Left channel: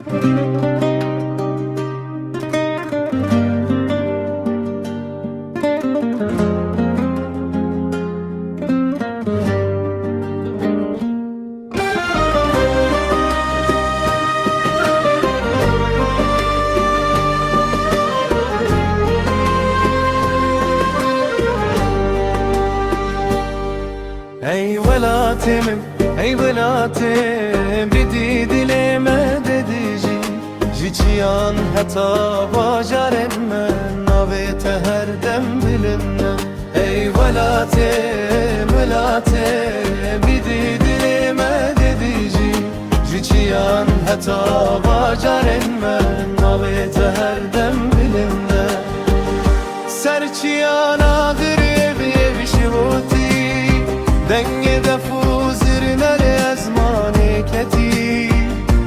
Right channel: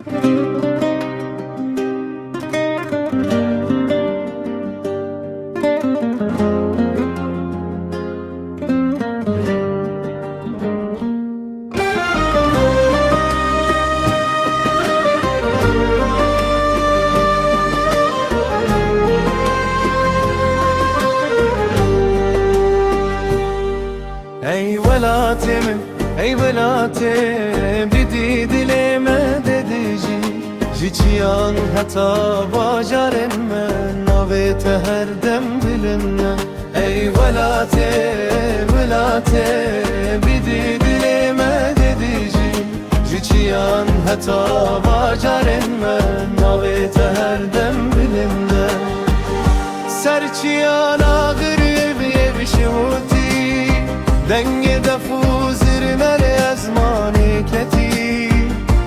Ey velatimim, ey velatim Didi dileme dedici Jiciyan hata bacarem men Navete her dem bilinme Ey velatim, velatim Didi dileme dedici Jiciyan hata bacarem men Navete her dem bilinde Serçiyan ağır evi şivoti دنگ دفو زیر مل ازمانی کتی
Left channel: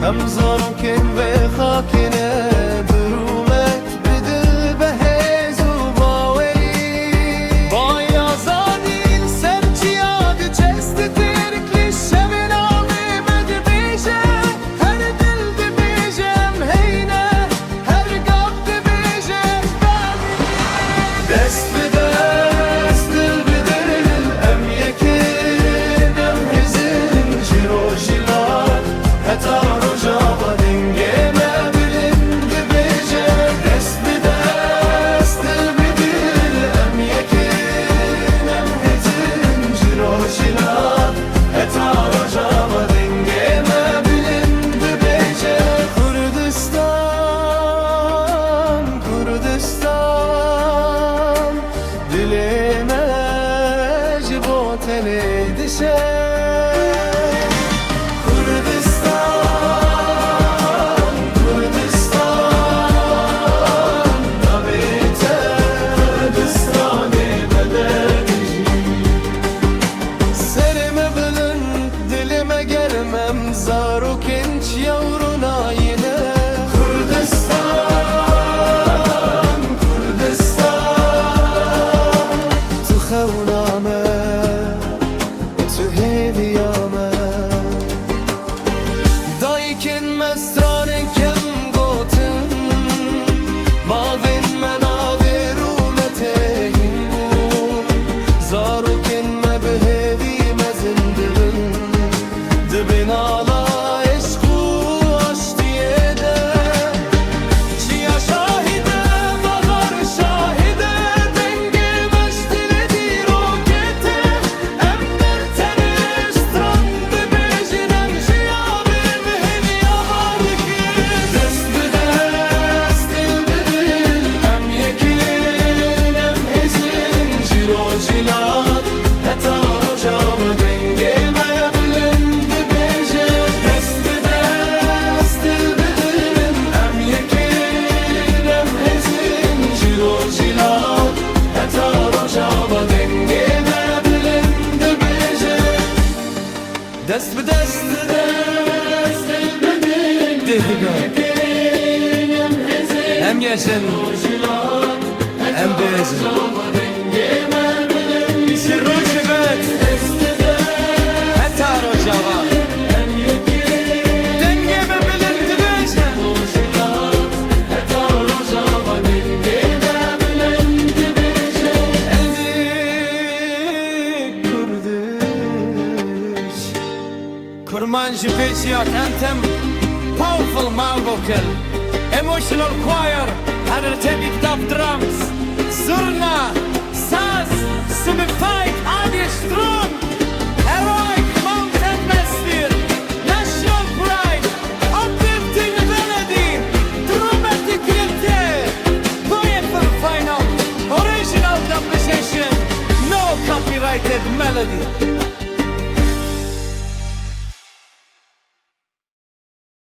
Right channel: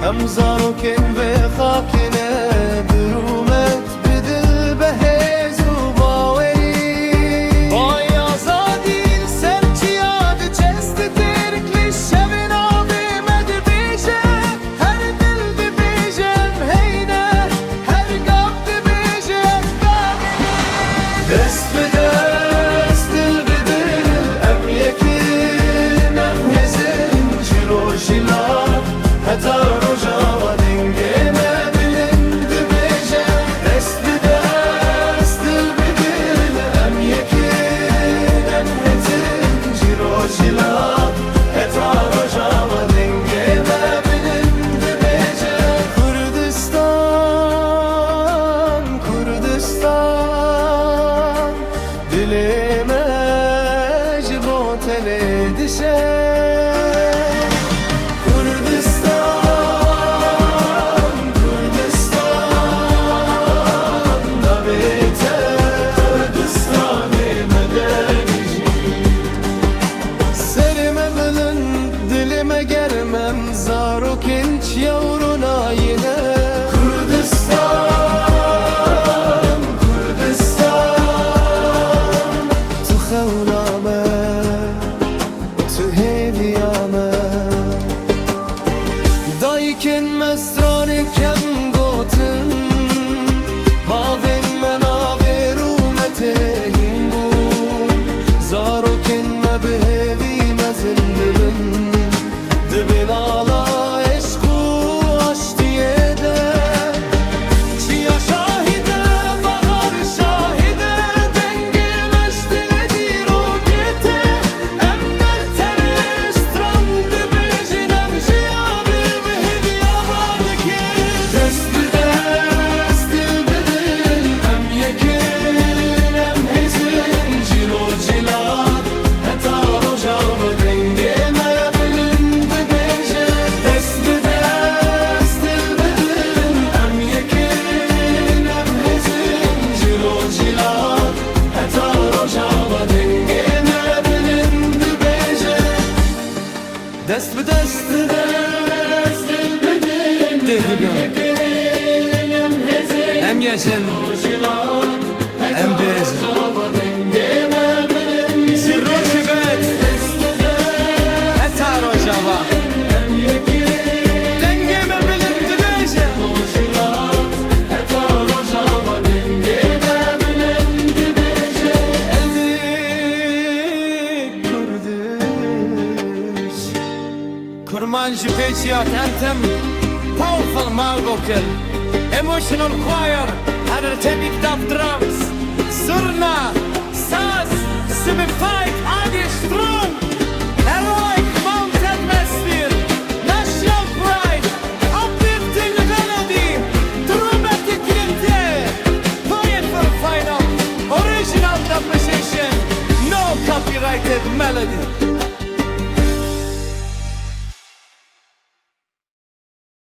همزانو کن و خاکنه درومت بدل به هزو باوری بای آزادین سرچیاد چست ترکلی شبین آبی مد بیجه هر دل دی بیجم هینه هر گاب دی بیجم دست به دست دل به دل ام یکی Heta roja dengeme bilindi beje Dest bi dest dil bi dil Em yekin em hetin cirojila Heta roja dengeme bilindi beje Kurdistan, Kurdistan Dilime cibotele dişe Dilime germem zaro kenç yavruna yine Kurdistan, Kurdistan Tu xewname, tu heviyame Daykin mesranin kem gotin Bavin menave rumetehim bun Zaro kin me behevi mezindibin Dibin ala eşku aş diye de Çiya şahide vagar şahide Denge meşdile diro gete Emnet tene stran dibejinem Jiyabe ve hediyabadiki Dest bi dest dil bi dil Em yekin em hezin Jiro jilat heta rojava denge Dest bi dest Dirhiga Hem yeşin Hem bezin Bişir roşibet Heta rojava Dengeme bilindi beje Eldik Kurdish Kurmanji Patriot Anthem Powerful mal vocal Emotional choir Energetic dub drums Zurna Saz Simified Audio strong Heroic mountain atmosphere National pride Uplifting melody Dramatic klimte Powerful final Original dub session No copyrighted melody